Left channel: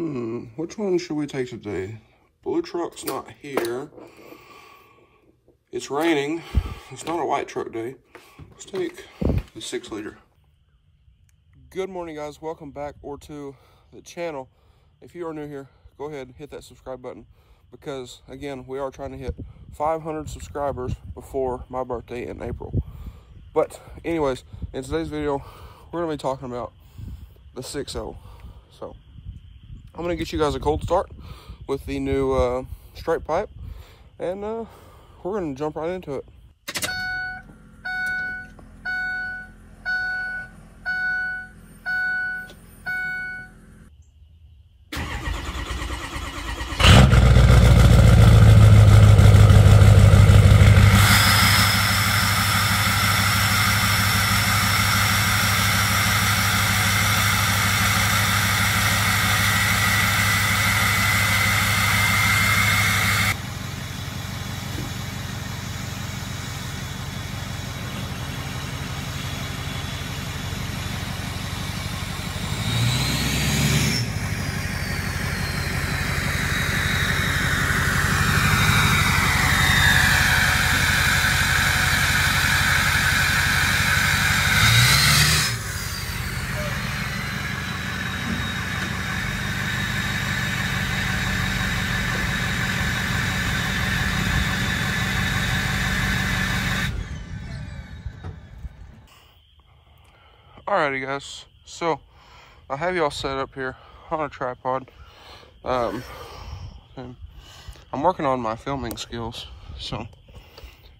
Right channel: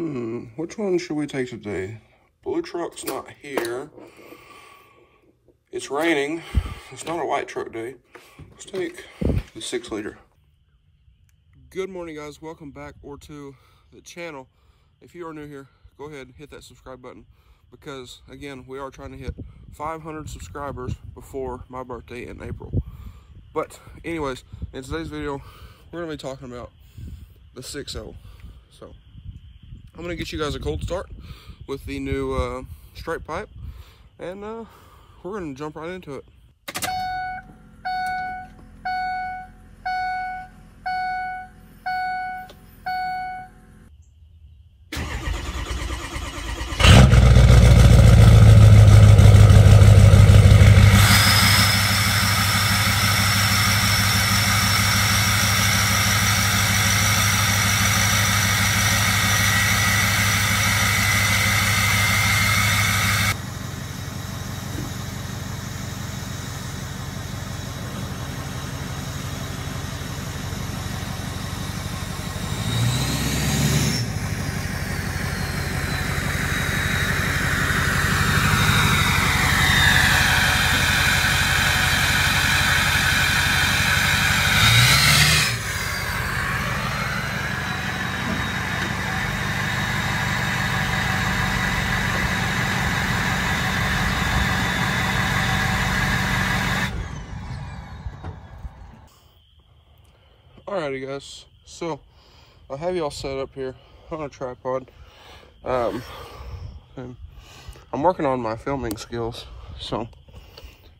Which one should we take today? Blue truck's not here. It's raining. It's not a white truck day. Let's take the 6-liter. Good morning, guys. Welcome back to the channel. If you are new here, go ahead and hit that subscribe button because, again, we are trying to hit 500 subscribers before my birthday in April. But anyways, in today's video, we're going to be talking about the 6.0. So I'm going to get you guys a cold start with the new straight pipe, and we're going to jump right into it. Alrighty, guys, so I have y'all set up here on a tripod, and I'm working on my filming skills. So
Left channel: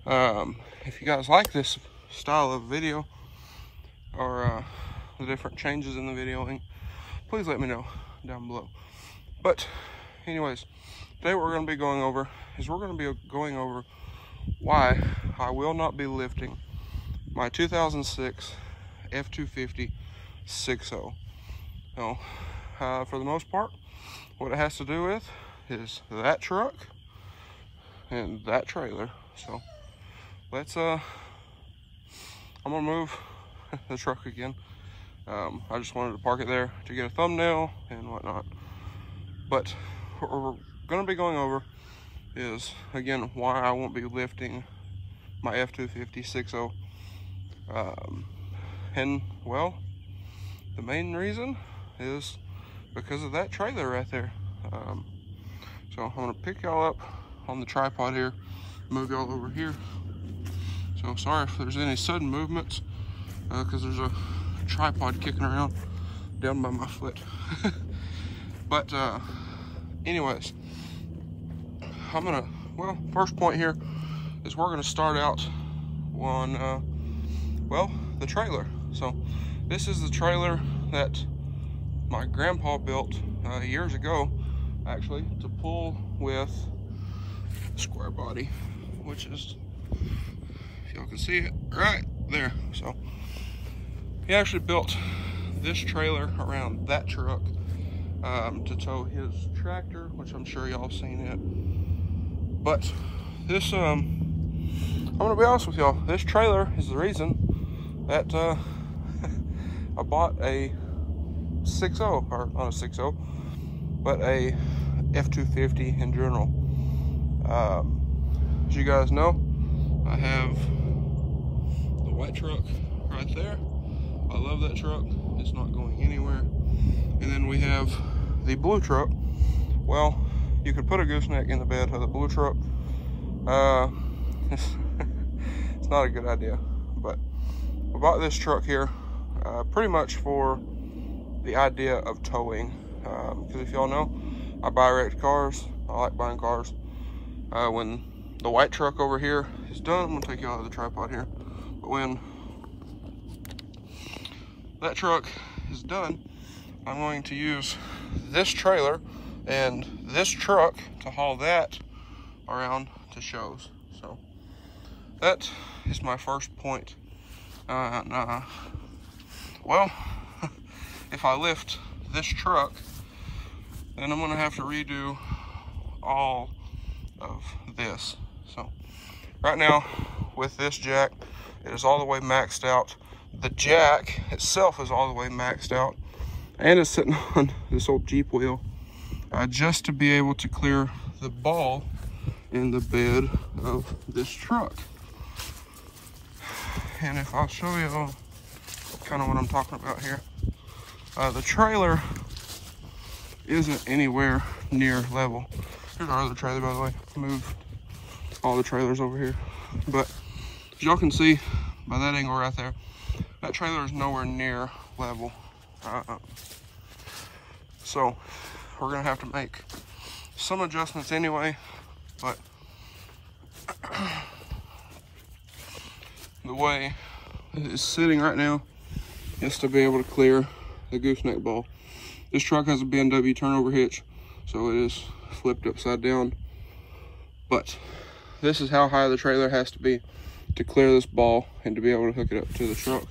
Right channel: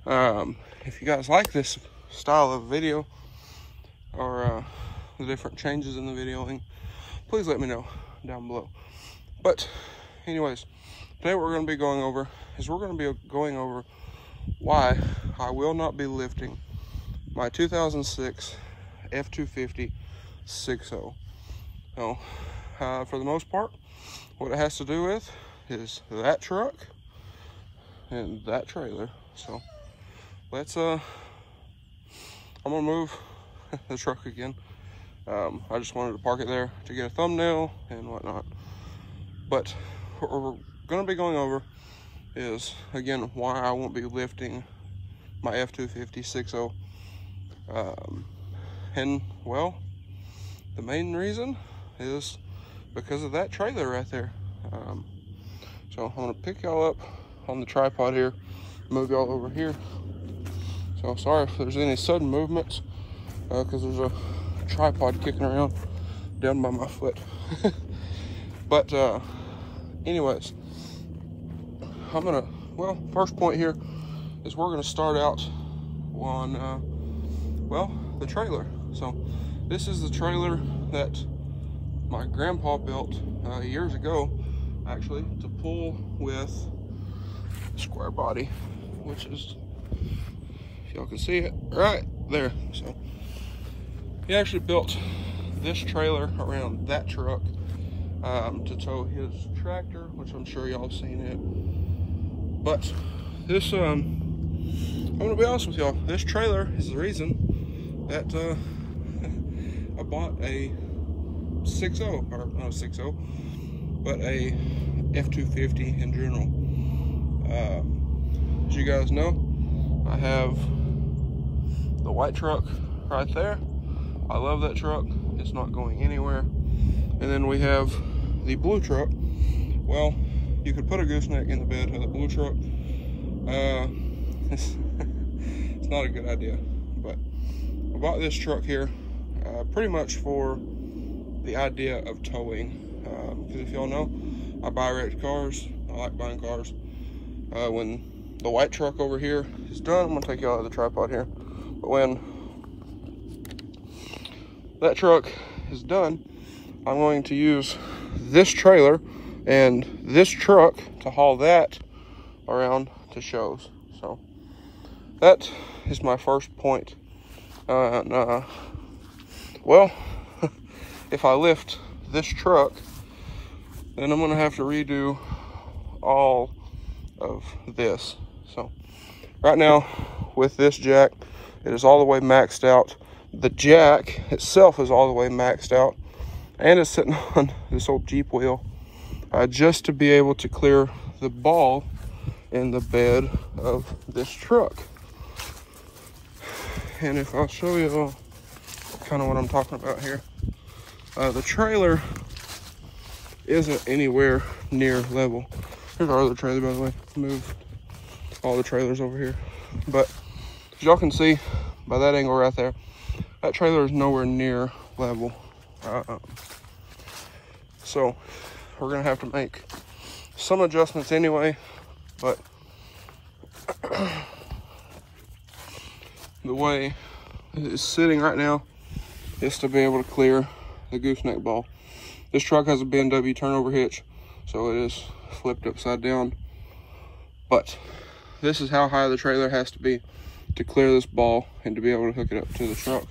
if you guys like this style of video or the different changes in the videoing, please let me know down below. But anyways, today what we're going to be going over is why I will not be lifting my 2006 F250 6.0. So, for the most part, what it has to do with is that truck and that trailer. So, let's, I'm gonna move the truck again. I just wanted to park it there to get a thumbnail and whatnot. But what we're gonna be going over is, again, why I won't be lifting my F250 6.0. And well, the main reason is because of that trailer right there. So I'm gonna pick y'all up on the tripod here, move y'all over here. So sorry if there's any sudden movements, because there's a tripod kicking around down by my foot. But anyways, first point here is we're gonna start out on the trailer. So this is the trailer that my grandpa built years ago, actually, to pull with square body, which is, if y'all can see it right there. So he actually built this trailer around that truck to tow his tractor, which I'm sure y'all have seen it. But this, I'm gonna be honest with y'all, this trailer is the reason that I bought a 6.0, or not a 6.0, but a F250 in general. As you guys know, I have the white truck right there. I love that truck. It's not going anywhere. And then we have the blue truck. Well, you could put a gooseneck in the bed of the blue truck. It's not a good idea, but I bought this truck here pretty much for the idea of towing, because if y'all know, I buy wrecked cars. I like buying cars. When the white truck over here is done, I'm gonna take y'all out of the tripod here, but when that truck is done, I'm going to use this trailer and this truck to haul that around to shows. So that is my first point. Well, if I lift this truck, then I'm gonna have to redo all of this. So right now with this jack, it is all the way maxed out. The jack itself is all the way maxed out, and it's sitting on this old Jeep wheel. just to be able to clear the ball in the bed of this truck. And if I'll show you kind of what I'm talking about here, the trailer isn't anywhere near level. Here's our other trailer, by the way. Move all the trailers over here. But as y'all can see by that angle right there, that trailer is nowhere near level. So we're gonna have to make some adjustments anyway, but the way it's sitting right now is to be able to clear the gooseneck ball. This truck has a BMW turnover hitch, so it is flipped upside down. But this is how high the trailer has to be to clear this ball and to be able to hook it up to the truck.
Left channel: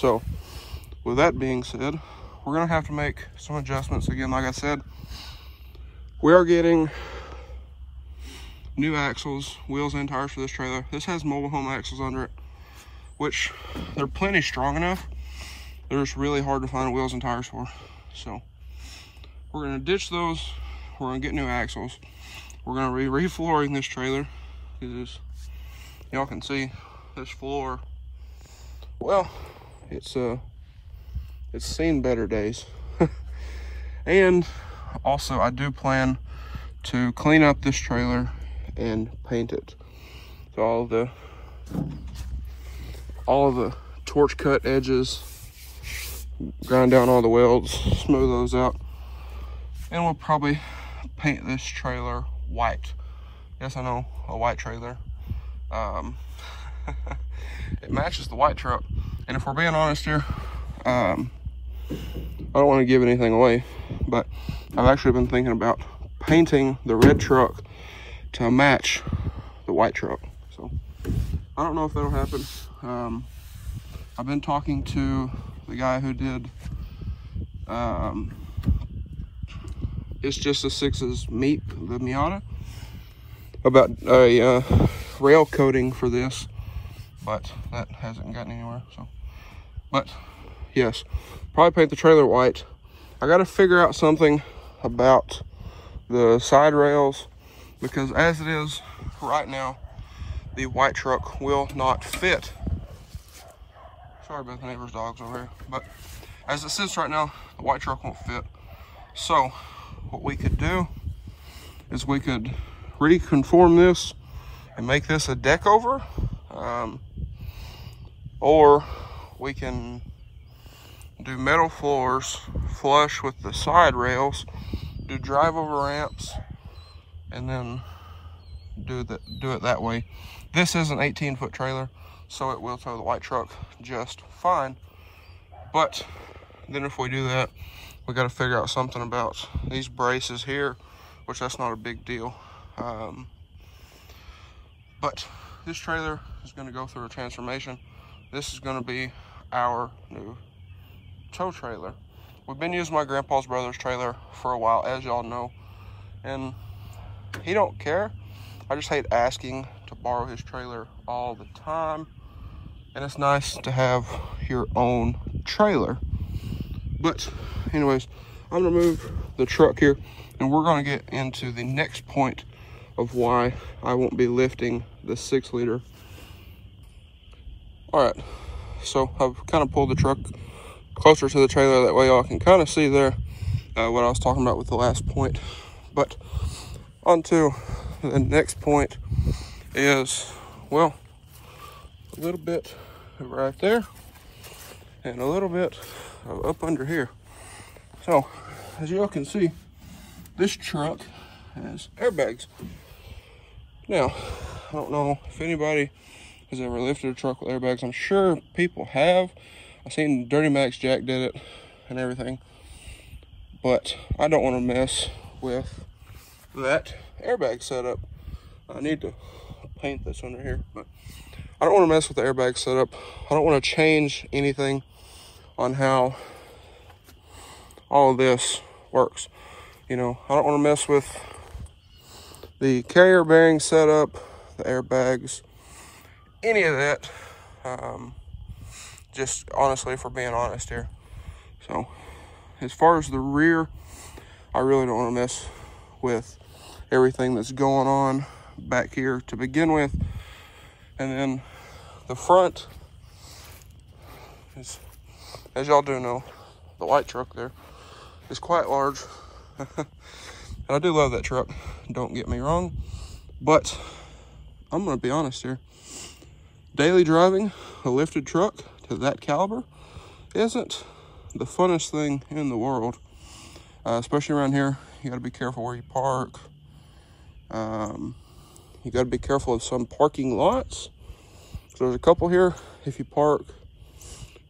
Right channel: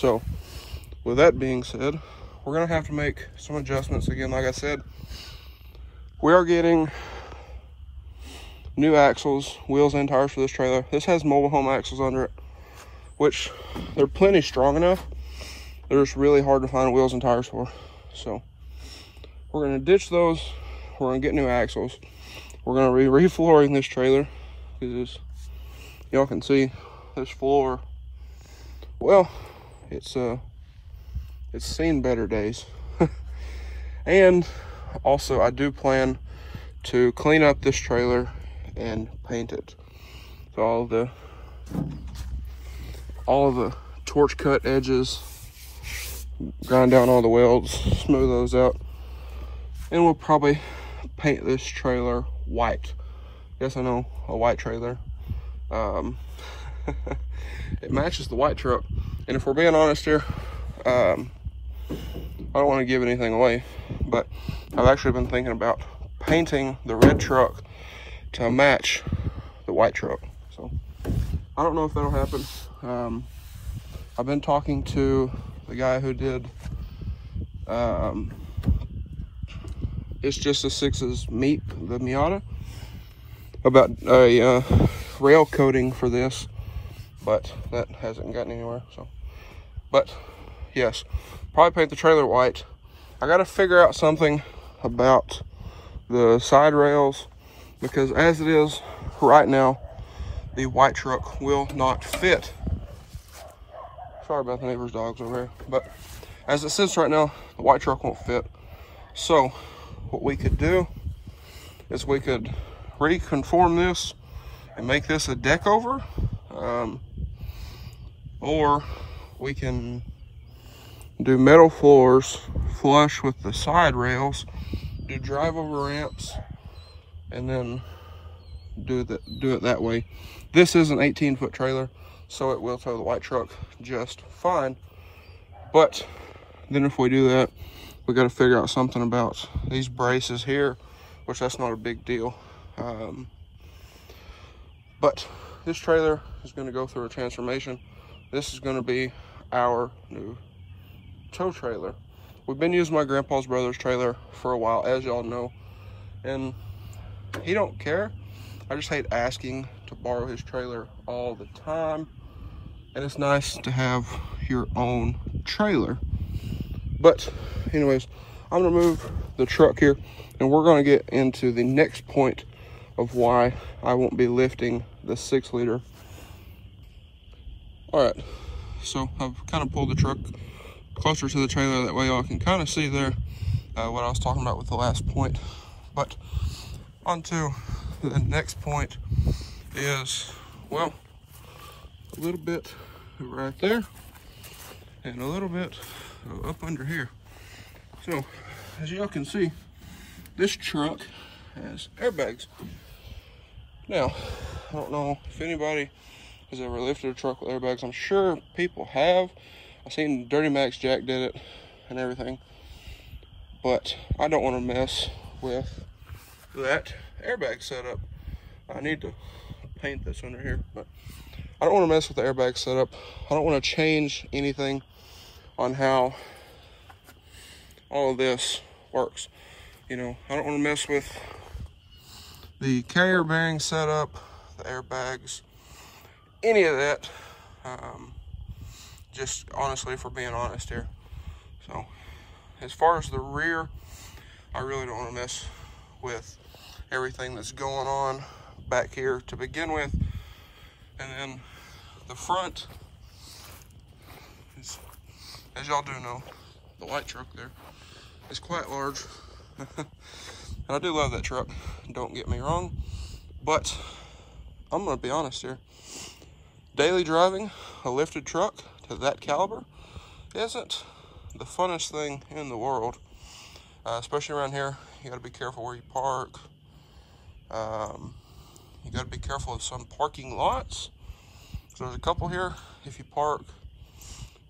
So with that being said, we're gonna have to make some adjustments. Again, like I said, we are getting new axles, wheels, and tires for this trailer. This has mobile home axles under it, which they're plenty strong enough. They're just really hard to find wheels and tires for. So we're gonna ditch those. We're gonna get new axles. We're gonna be reflooring this trailer, because y'all can see this floor, well, it's seen better days. And also I do plan to clean up this trailer and paint it. So all of the torch cut edges, grind down all the welds, smooth those out, and we'll probably paint this trailer white. Yes, I know, a white trailer. It matches the white truck, and if we're being honest here, I don't want to give anything away, but I've actually been thinking about painting the red truck to match the white truck. So I don't know if that'll happen. I've been talking to the guy who did It's Just a Six's meet, the Miata, about a rail coating for this, but that hasn't gotten anywhere. So, but yes, probably paint the trailer white. I got to figure out something about the side rails, because as it is right now, the white truck will not fit. Sorry about the neighbor's dogs over here, but as it sits right now, the white truck won't fit. So what we could do is we could reconform this and make this a deck over, or we can do metal floors flush with the side rails, do drive over ramps, and then do it that way. This is an 18-foot trailer, so it will tow the white truck just fine. But then if we do that, we got to figure out something about these braces here, which that's not a big deal. But this trailer is going to go through a transformation. This is going to be our new tow trailer. We've been using my grandpa's brother's trailer for a while, as y'all know, and he don't care. I just hate asking to borrow his trailer all the time, and it's nice to have your own trailer. But anyways, I'm gonna move the truck here, and we're gonna get into the next point of why I won't be lifting the 6-liter. All right, so I've kind of pulled the truck closer to the trailer, that way y'all can kind of see there what I was talking about with the last point. But on to the next point is, well, a little bit right there and a little bit up under here. So as y'all can see, this truck has airbags. Now, I don't know if anybody has ever lifted a truck with airbags. I'm sure people have. I've seen Dirty Max Jack did it and everything, but I don't want to mess with that airbag setup. I need to paint this under here, but I don't want to mess with the airbag setup. I don't want to change anything on how all of this works. You know, I don't want to mess with the carrier bearing setup, the airbags, any of that. Just honestly, for being honest here. So as far as the rear, I really don't want to mess with everything that's going on back here to begin with. And then the front is, as y'all do know, the white truck there is quite large. And I do love that truck, don't get me wrong, but I'm gonna be honest here. Daily driving a lifted truck to that caliber isn't the funnest thing in the world, especially around here. You gotta be careful where you park. You gotta be careful of some parking lots. So there's a couple here. If you park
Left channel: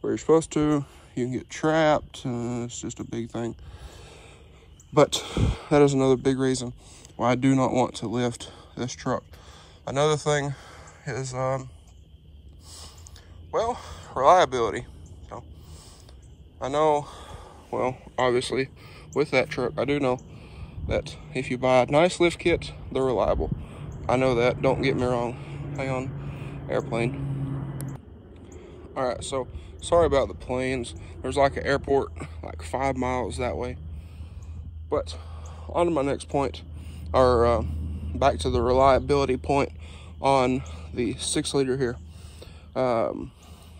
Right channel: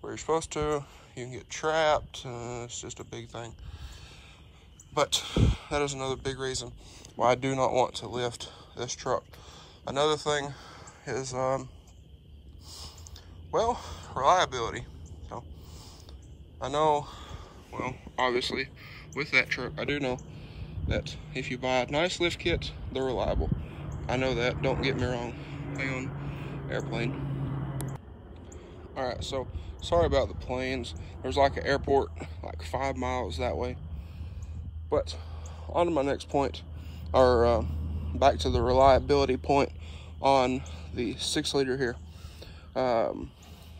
where you're supposed to, you can get trapped. It's just a big thing. But that is another big reason why I do not want to lift this truck. Another thing is, well, reliability. So I know, well, obviously with that truck, I do know that if you buy a nice lift kit, they're reliable. I know that, don't get me wrong. Hang on, airplane. All right, so sorry about the planes. There's like an airport like 5 miles that way. But on to my next point, or back to the reliability point on the 6-liter here.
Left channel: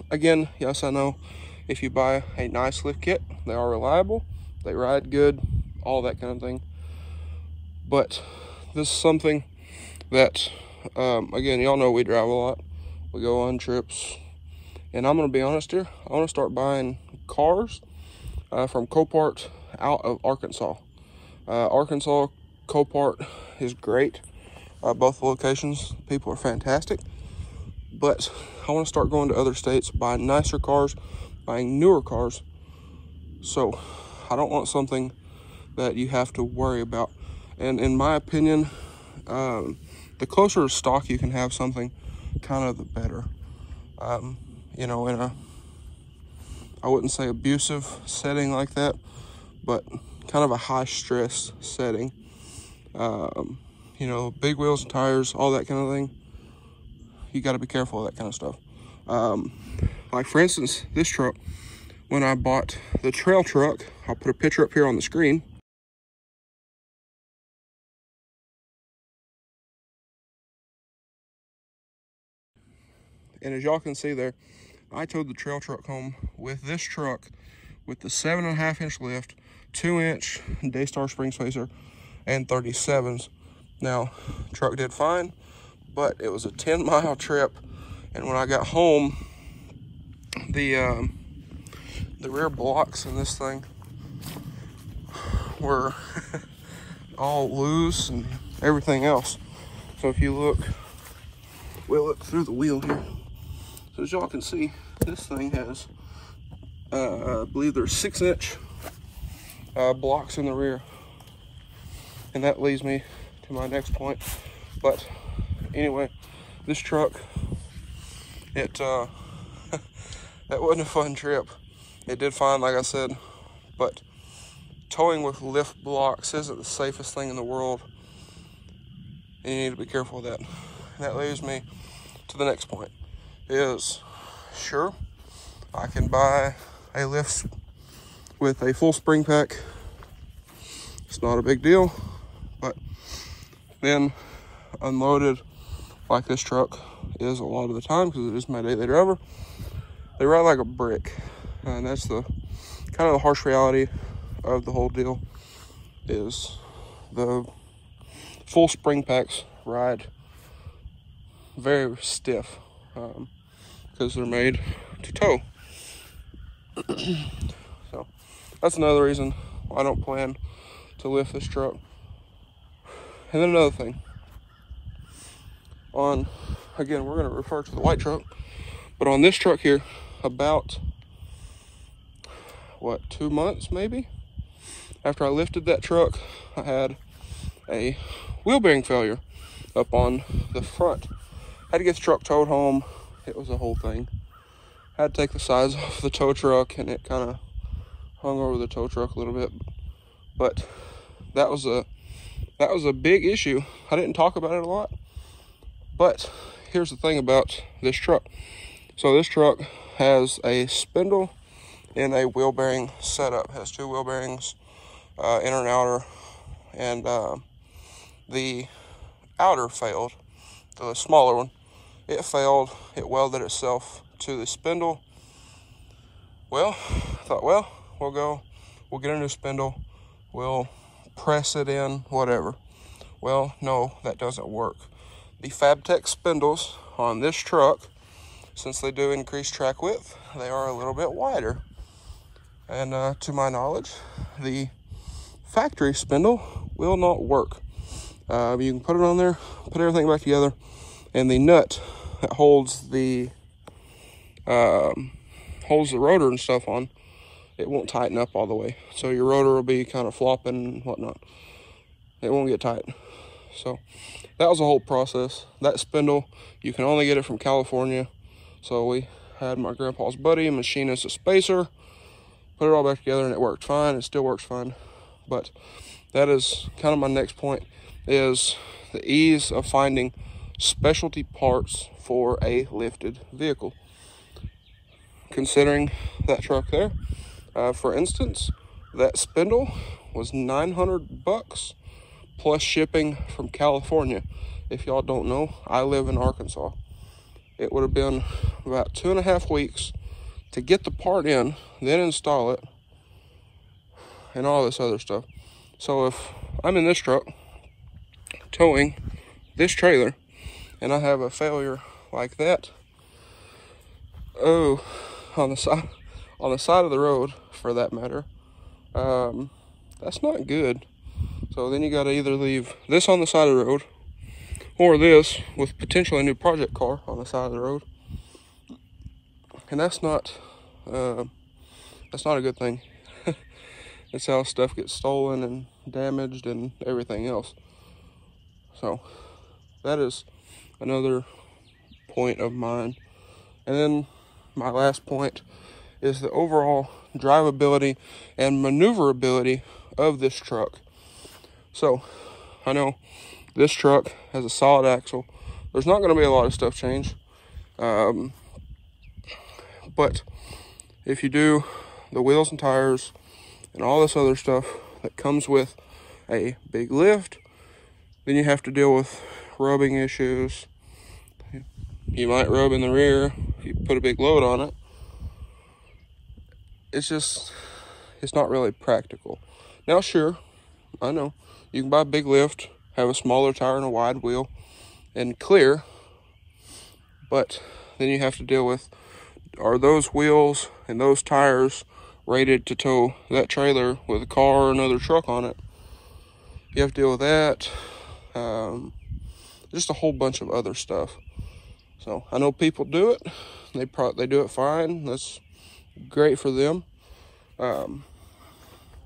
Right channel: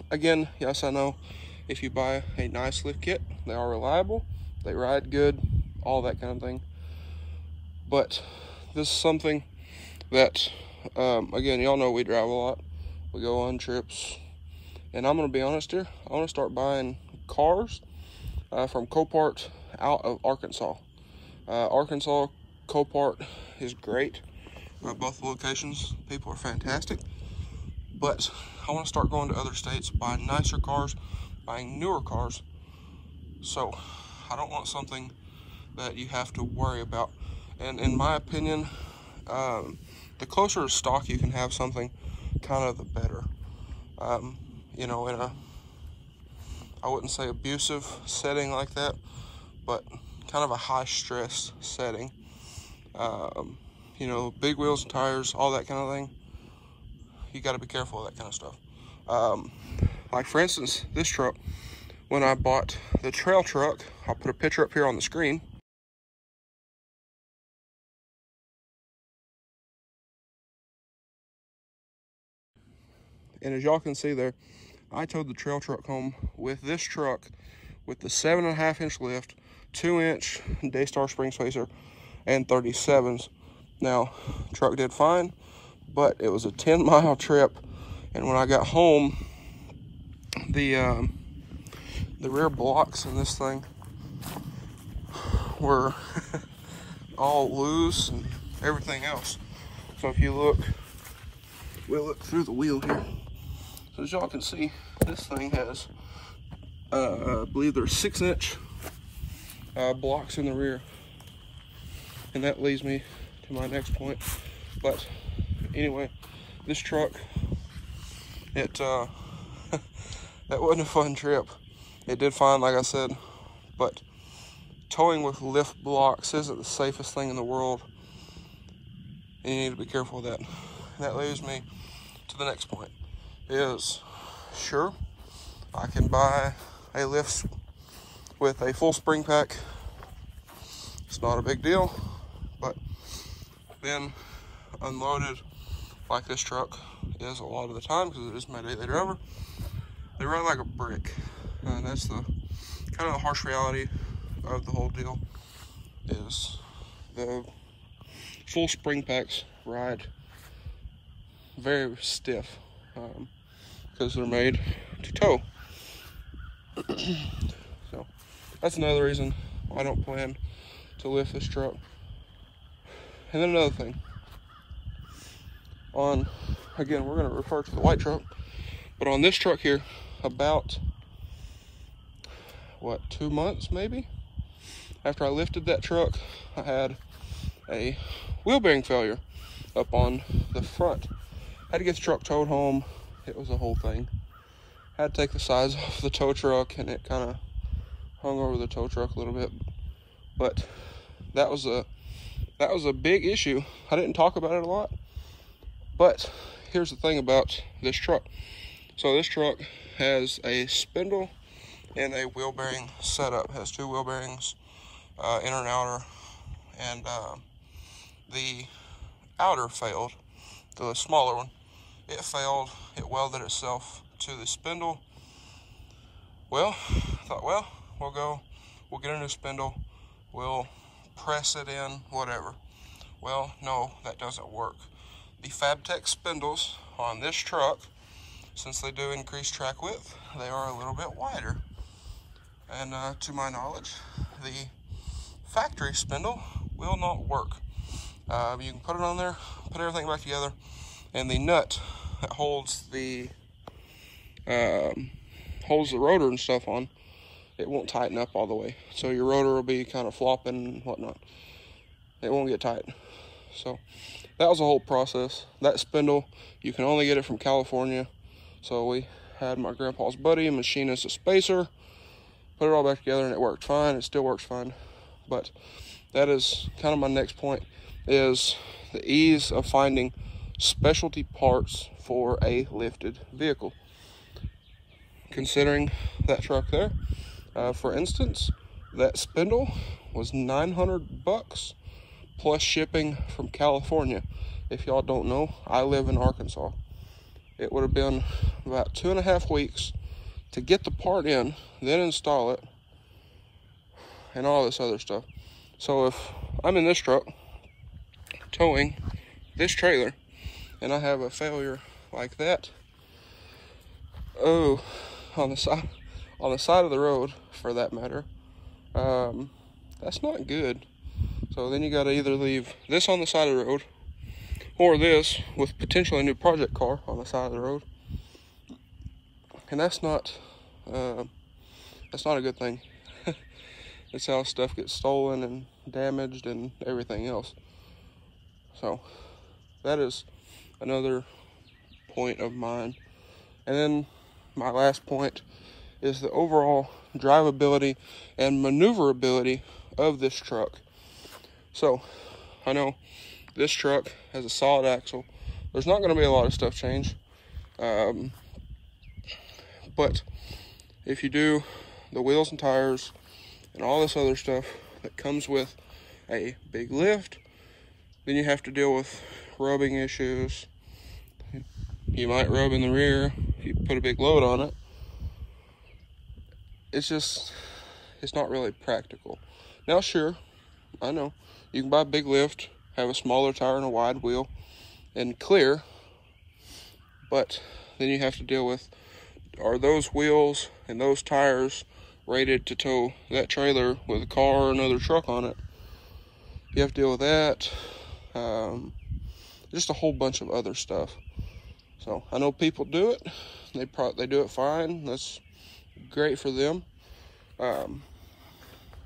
Again, yes, I know if you buy a nice lift kit, they are reliable, they ride good, all that kind of thing. But this is something that, again, y'all know we drive a lot. We go on trips. And I'm going to be honest here, I want to start buying cars from Copart out of Arkansas. Arkansas, Copart is great. Both locations, people are fantastic. But I want to start going to other states, buying nicer cars, buying newer cars. So I don't want something that you have to worry about. And in my opinion, the closer to stock you can have something, kind of the better. You know, in a, I wouldn't say abusive setting like that, but kind of a high stress setting. You know, big wheels and tires, all that kind of thing. You got to be careful of that kind of stuff. Like for instance, this truck, when I bought the trail truck, I'll put a picture up here on the screen. And as y'all can see there, I towed the trail truck home with this truck with the 7.5-inch lift, 2-inch Daystar spring spacer, and 37s. Now, truck did fine, but it was a 10-mile trip. And when I got home, the rear blocks in this thing were all loose and everything else. So if you look, we'll look through the wheel here. So as y'all can see, this thing has, I believe there's 6-inch blocks in the rear. And that leads me to my next point. But anyway, this truck, it, that wasn't a fun trip. It did fine, like I said, but towing with lift blocks isn't the safest thing in the world. And you need to be careful of that. And that leads me to the next point. Is, sure, I can buy a lift with a full spring pack. It's not a big deal, but then unloaded like this truck is a lot of the time, because it is my daily driver, they ride like a brick. And that's the kind of the harsh reality of the whole deal, is the full spring packs ride very stiff. Because they're made to tow. So that's another reason why I don't plan to lift this truck. And then another thing, on, again, we're going to refer to the white truck, but on this truck here, about, what, 2 months maybe? After I lifted that truck, I had a wheel bearing failure up on the front. I had to get the truck towed home. It was a whole thing. I had to take the sides off the tow truck, and it kind of hung over the tow truck a little bit. But that was a big issue. I didn't talk about it a lot. But here's the thing about this truck. So this truck has a spindle and a wheel bearing setup. It has 2 wheel bearings inner and outer, and the outer failed, the smaller one. It failed. It welded itself to the spindle. Well, I thought, well, we'll get a new spindle, we'll press it in, whatever. Well, no, that doesn't work. The FabTech spindles on this truck, since they do increase track width, they are a little bit wider. And to my knowledge, the factory spindle will not work. You can put it on there, put everything back together, and the nut that holds the rotor and stuff on, it won't tighten up all the way. So your rotor will be kind of flopping and whatnot. It won't get tight. So that was a whole process. That spindle, you can only get it from California. So we had my grandpa's buddy machine us a spacer, put it all back together, and it worked fine. It still works fine. But that is kind of my next point, is the ease of finding specialty parts for a lifted vehicle. Considering that truck there, for instance, that spindle was $900 plus shipping from California. If y'all don't know, I live in Arkansas. It would have been about 2.5 weeks to get the part in, then install it, and all this other stuff. So if I'm in this truck towing this trailer and I have a failure like that, oh, on the side of the road, for that matter, that's not good. So then you got to either leave this on the side of the road, or this with potentially a new project car on the side of the road, and that's not a good thing. That's how stuff gets stolen and damaged and everything else. So that is another point of mine. And then my last point is the overall drivability and maneuverability of this truck. So I know this truck has a solid axle. There's not going to be a lot of stuff changed. But if you do the wheels and tires and all this other stuff that comes with a big lift, then you have to deal with rubbing issues. You might rub in the rear if you put a big load on it. It's not really practical. Now, sure, I know you can buy a big lift, have a smaller tire and a wide wheel, and clear, but then you have to deal with, are those wheels and those tires rated to tow that trailer with a car or another truck on it? You have to deal with that. Just a whole bunch of other stuff. So I know people do it. They do it fine. That's great for them.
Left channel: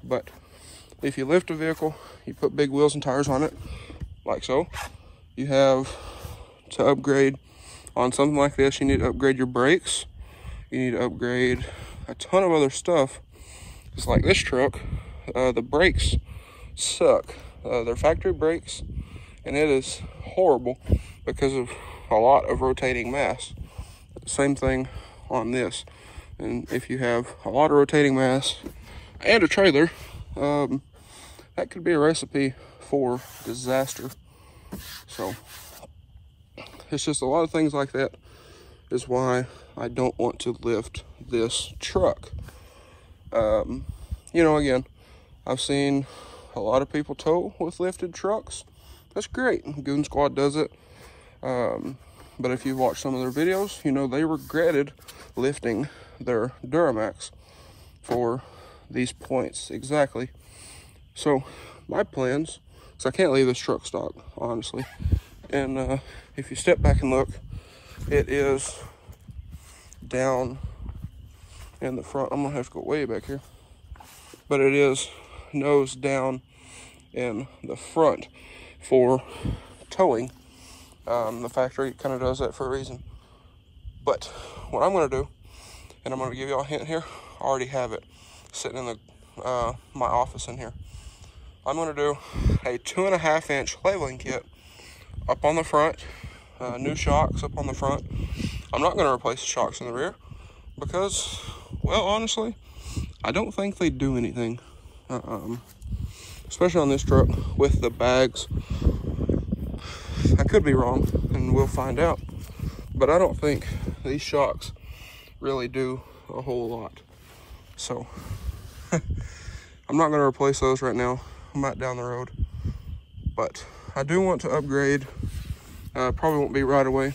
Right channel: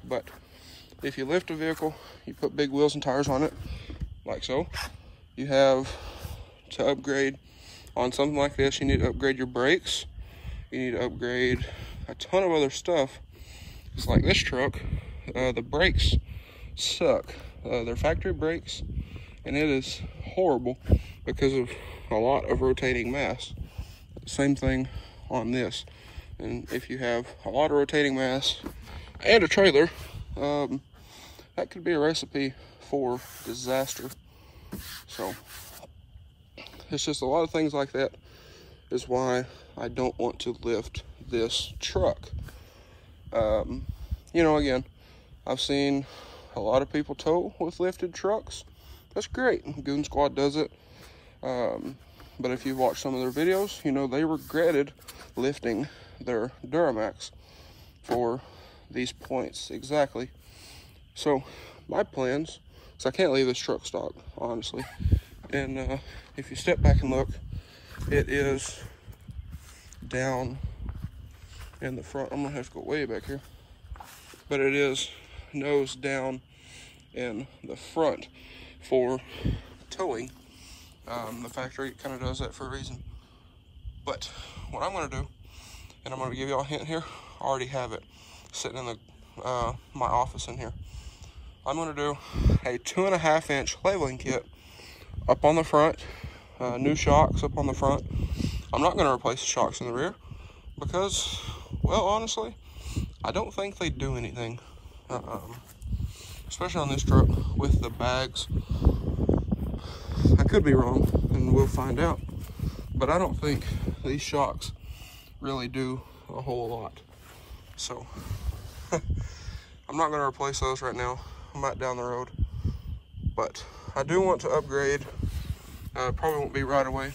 But if you lift a vehicle, you put big wheels and tires on it, like so, you have to upgrade on something like this. You need to upgrade your brakes. You need to upgrade a ton of other stuff. Just like this truck, the brakes suck. They're factory brakes, and it is horrible because of a lot of rotating mass. Same thing on this. And if you have a lot of rotating mass and a trailer, that could be a recipe for disaster. So it's just a lot of things like that is why I don't want to lift this truck. You know, again, I've seen a lot of people tow with lifted trucks. That's great. Goon Squad does it. But if you've watched some of their videos, you know they regretted lifting their Duramax for these points exactly. So my plans, so I can't leave this truck stock, honestly. And if you step back and look, it is down in the front. I'm gonna have to go way back here, but it is nose down in the front for towing. The factory kind of does that for a reason. But what I'm going to do, and I'm going to give y'all a hint here, I already have it sitting in the my office in here. I'm going to do a 2.5-inch labeling kit up on the front, new shocks up on the front. I'm not going to replace the shocks in the rear because, well, honestly, I don't think they do anything. especially on this truck with the bags. I could be wrong, and we'll find out, but I don't think these shocks really do a whole lot. So I'm not going to replace those right now. I might down the road, but I do want to upgrade. Probably won't be right away,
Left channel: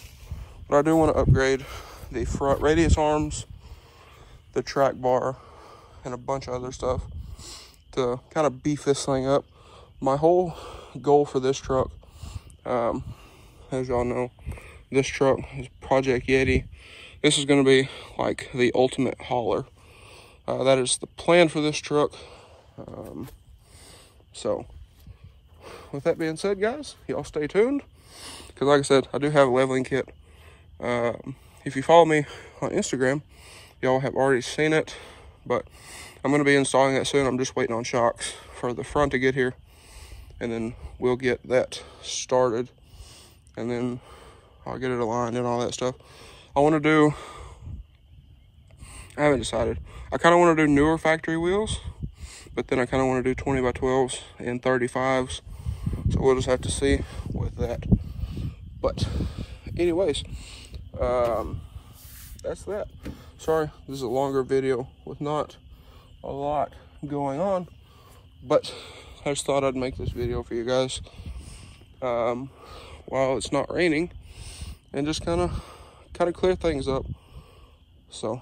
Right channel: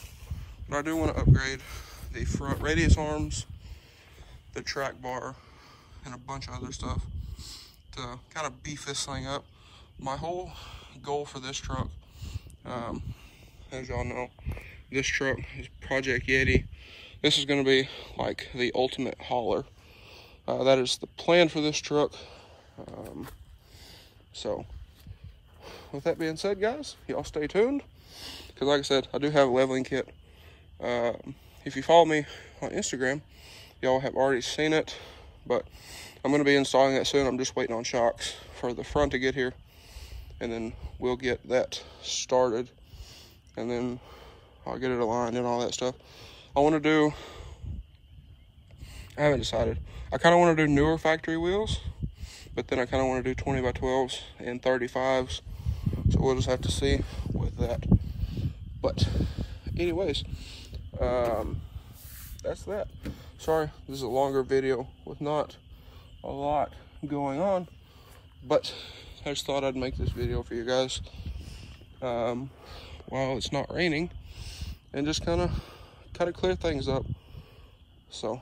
but I do want to upgrade the front radius arms, the track bar, and a bunch of other stuff to kind of beef this thing up. My whole goal for this truck, as y'all know, this truck is Project Yeti. This is going to be like the ultimate hauler. That is the plan for this truck. So with that being said, guys, y'all stay tuned, because like I said, I do have a leveling kit. If you follow me on Instagram, y'all have already seen it, but I'm going to be installing that soon. I'm just waiting on shocks for the front to get here, and then we'll get that started, and then I'll get it aligned and all that stuff. I haven't decided. I kind of want to do newer factory wheels, but then I kind of want to do 20x12s and 35s. So we'll just have to see with that. But anyways, that's that. Sorry, this is a longer video with not a lot going on, but I just thought I'd make this video for you guys while it's not raining, and just kind of clear things up. So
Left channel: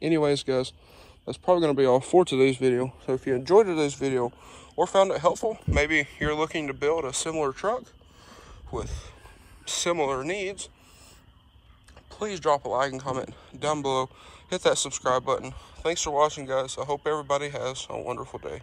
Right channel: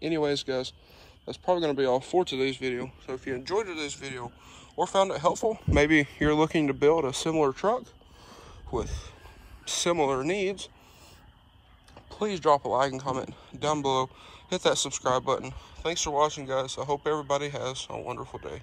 anyways, guys, that's probably going to be all for today's video. So if you enjoyed today's video or found it helpful, maybe you're looking to build a similar truck with similar needs, please drop a like and comment down below. Hit that subscribe button. Thanks for watching, guys. I hope everybody has a wonderful day.